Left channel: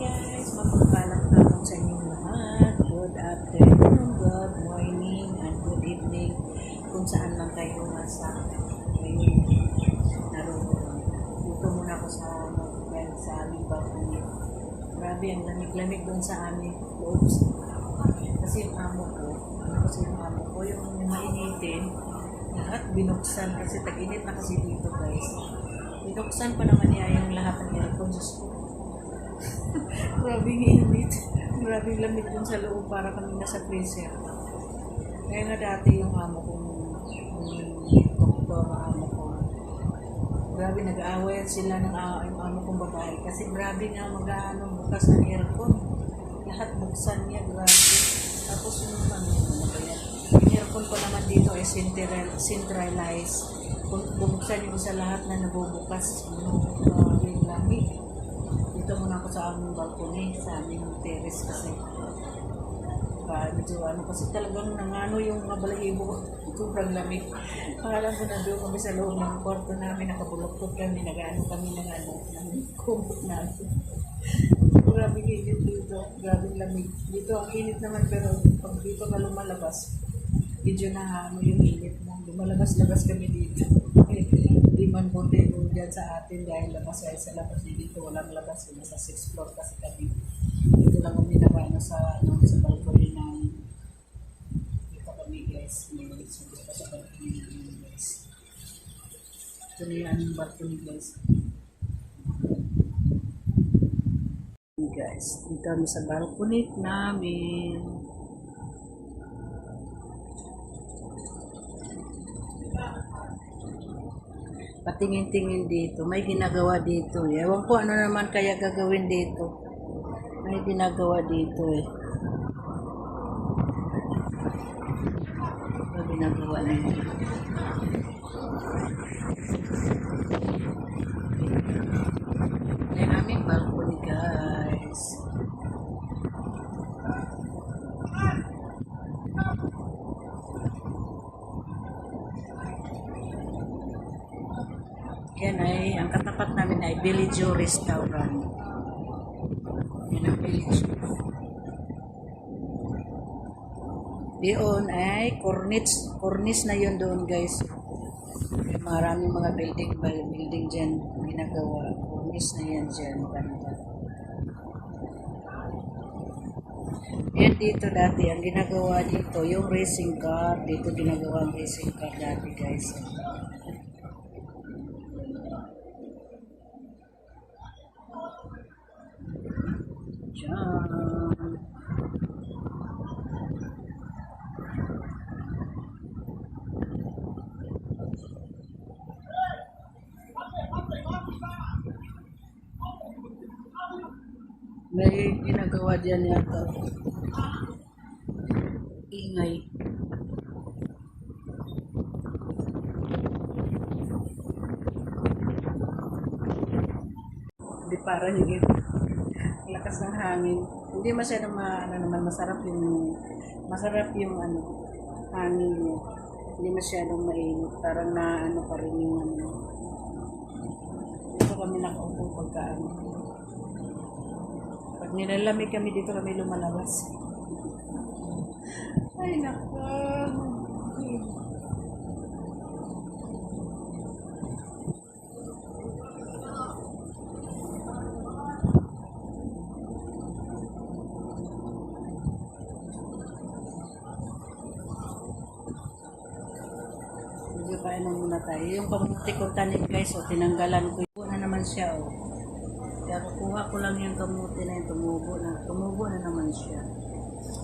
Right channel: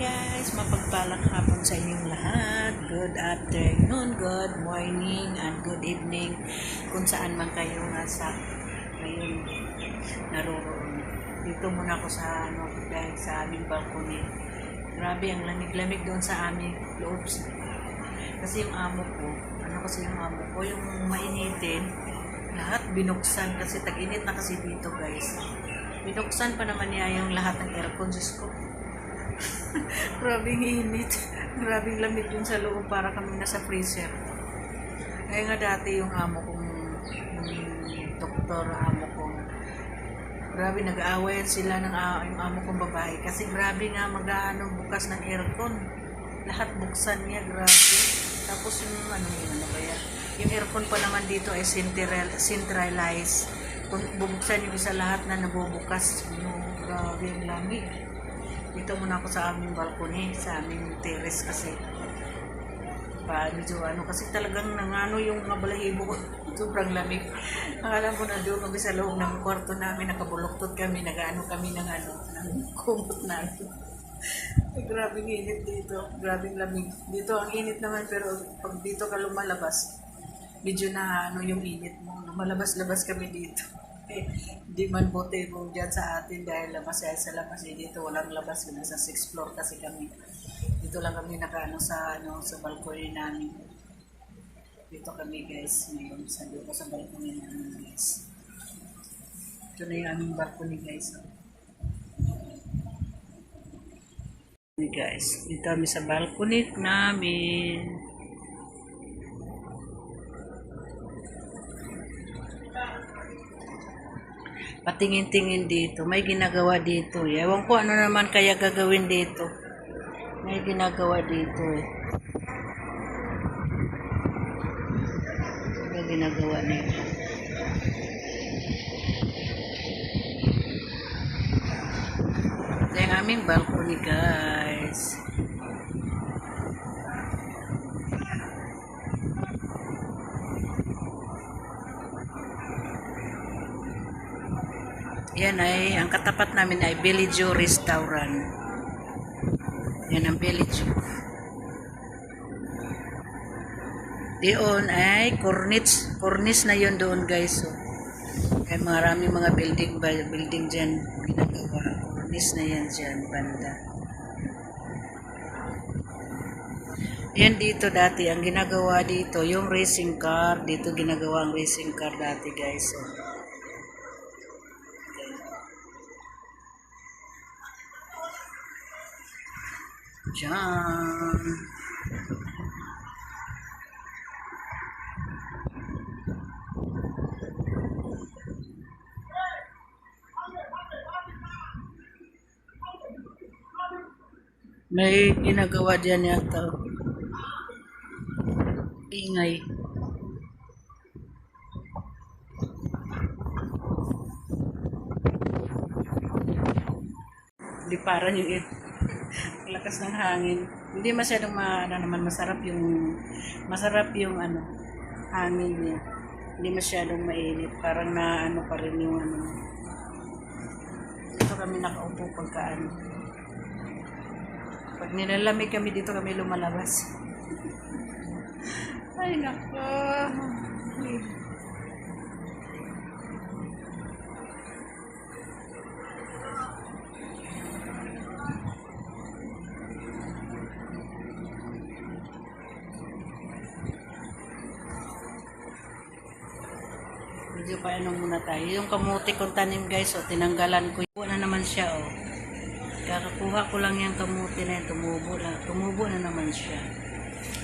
guys, mapagpalang hapon sa inyong lahat. Good afternoon, good morning, and good evening kung saan man kayo nasa ngayon naroroon. Dito muna ako sa ano, dahil sa aming balcony. Grabe ang lamig-lamig doon sa aming loob. Kasi yung amo ko, ano kasi yung amo ko, yung mainitin, lahat binuksan kasi tag-init na kasi dito guys. Binuksan pa naman niya yung lahat ng aircon. Diyos ko, Grabing init. Grabing lamig dun sa loob para kami nasa freezer. Kaya nga dati yung amo kong yung doktor amo ko grabe nag-aaway sila ng ah, yung amo kong babae. Kasi grabe nga mag-ano bukas ng aircon. Lahat buksan niya grabe. Tapos yung ano yung ano ba yan? Yung aircon pa naman dito ay central, centralized. Kung bubuksan yung isa lahat na nabubukas. No, grabe yung lamig dito muna ako sa aming balcony, sa aming terrace kasi. Pa, medyo ano, kasi talagang nangano yung mga balahibo. Sobrang lamig. Akala ko na doon kami sa loob ng kwarto namin, nakabuloktot kami, nagaano kami ng ano, ng kumot namin. Grabing init dito. Grabing lamig. Dito ang init naman, pero pag dito ka lumalabas, medyo na ano yung init mo. Lumalabas-labas kami dito. Eh, Di man buti kung dyan sa atin dahil labas ay sa labas. Eh, dito walang labas. Nasa 6th floor kasi kami. Dito lang kami nakaano sa ano sa balcony namin. Dito kami guys. Ngayon sa dito sa balcony namin guys. Ito na yung aming balcony guys. Guys, dito kami sa balcony namin. Patingin-tingin dito. May ginagawa dito. eh. Ewan ko ano naman kaya gagawin dito. May ginagawa dito eh. Ano ginagawa nila? Ito yung aming balcony guys. Yan ay, ang katapat namin ay Bellagio Restaurant. Yan ang Bellagio. Doon ay Corniche, Corniche na yun doon guys. So, kaya maraming mga building, building dyan ginagawa. Corniche na yan dyan, banda. Yan dito dati, ang ginagawa dito, yung racing car, dito ginagawa ang racing car dati guys. Diyan. May ginagawa dyan yata. Ingay. Hindi parang yung ito. Lakas ng hangin. Hindi masyadong ma, ano naman masarap yung masarap yung ano hangin niya. Hindi masyadong mainit. Parang na ano pa rin yung ano. Dito kami nakaupo pagka ano. Pag nilalamig kami dito kami lumalabas. Ay nako. Medyo pa ano muna tayo. Yung kamuti kong tanim guys, oh, tinanggalan ko. Tumubo na naman siya, oh. Kakakuha ko lang yung kamuti na yun. Tumubo na. Tumubo na naman siya.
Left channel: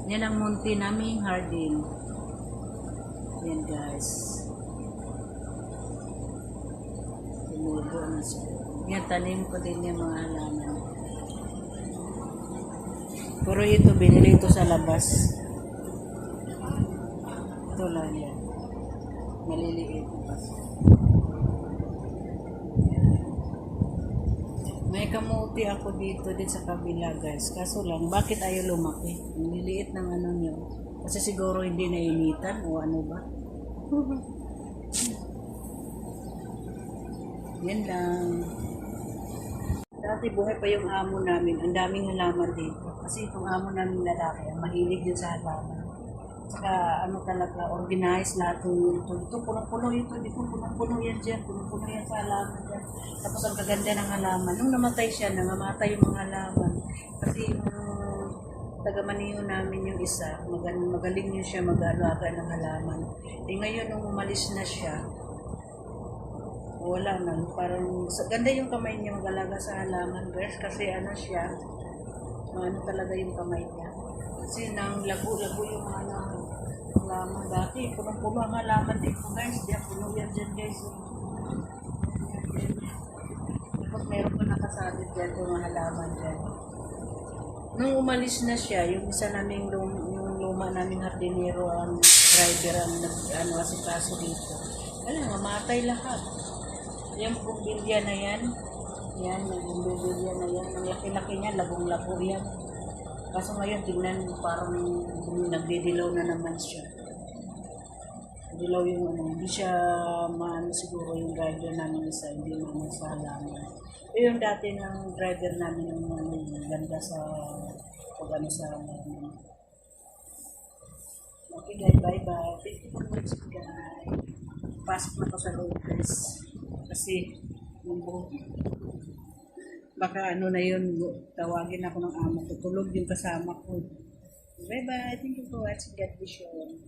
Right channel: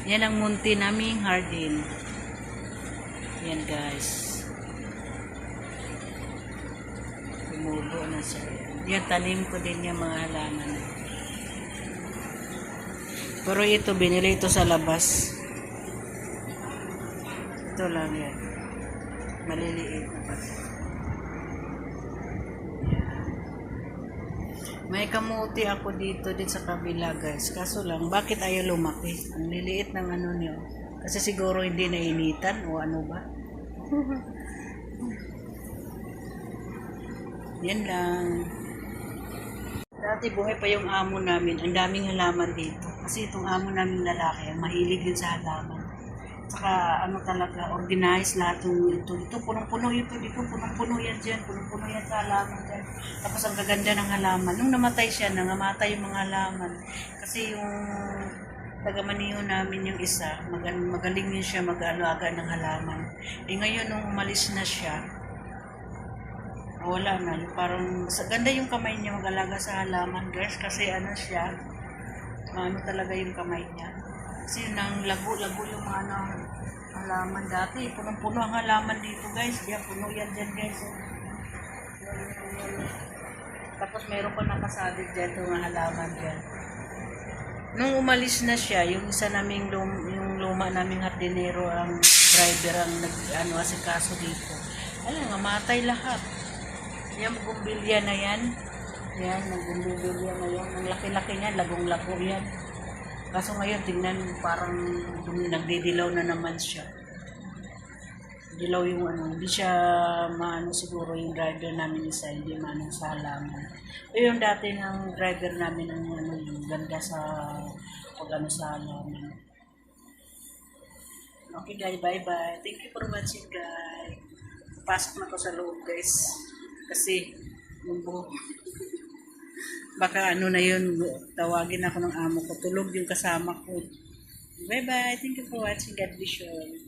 Yan ang munti naming hardin. Yan guys. Tumubo na siya. Yan, tanim ko din yung mga halaman. Pero ito, binili ito sa labas. Ito lang yan. Maliliit na. Yan. May kamuti ako dito din sa kabila guys. Kaso lang, bakit ayaw lumaki? Ang liliit ng ano niyo. Kasi siguro hindi nainitan o ano ba? Yan lang. Dati buhay pa yung amo namin, ang daming halaman dito. Kasi itong amo namin lalaki, mahilig yun sa halaman. Saka ano talaga, organized lahat yung ito. Ito, punong-puno ito, dito, punong-puno yan dyan, punong-puno yan sa halaman dyan. Tapos ang gaganda ng halaman. Nung namatay siya, nangamatay yung mga halaman. Kasi yung taga-maniho namin yung isa, magaling, magaling yun siya mag-alaga ng halaman. Eh ngayon, nung umalis na siya, wala na. Parang ganda yung kamay niya mag-alaga sa halaman, guys. Kasi ano siya, ano talaga yung kamay niya. Kasi nang lago-lago yung mga ano, halaman dati. Punong-puno ang halaman dito, guys. Diyan, puno yan dyan, guys. Tapos meron pa nakasalit dyan yung halaman dyan. Nung umalis na siya, yung isa naming lum, yung luma naming hardinero ang driver ang nag ano asikaso dito. Alam nga, matay lahat. Yan, bumbilya na yan. Yan, nagbumbilya na yan. Ang laki-laki niya, lagong-lago yan. Kaso ngayon, tingnan mo, parang nagdidilaw na naman siya. Dilaw yung ano, hindi siya maano siguro yung driver namin isa, hindi maano sa halaman. O yung dati ng driver namin, ang ano, yung ganda sa pag ano sa halaman. Okay guys, bye-bye. Thank you for watching guys. Pasok na ko sa loob guys. Kasi, yung buhok. Baka ano na yun, tawagin ako ng amo ko. Tulog yung kasama ko. Bye-bye. Thank you for watching. God bless you.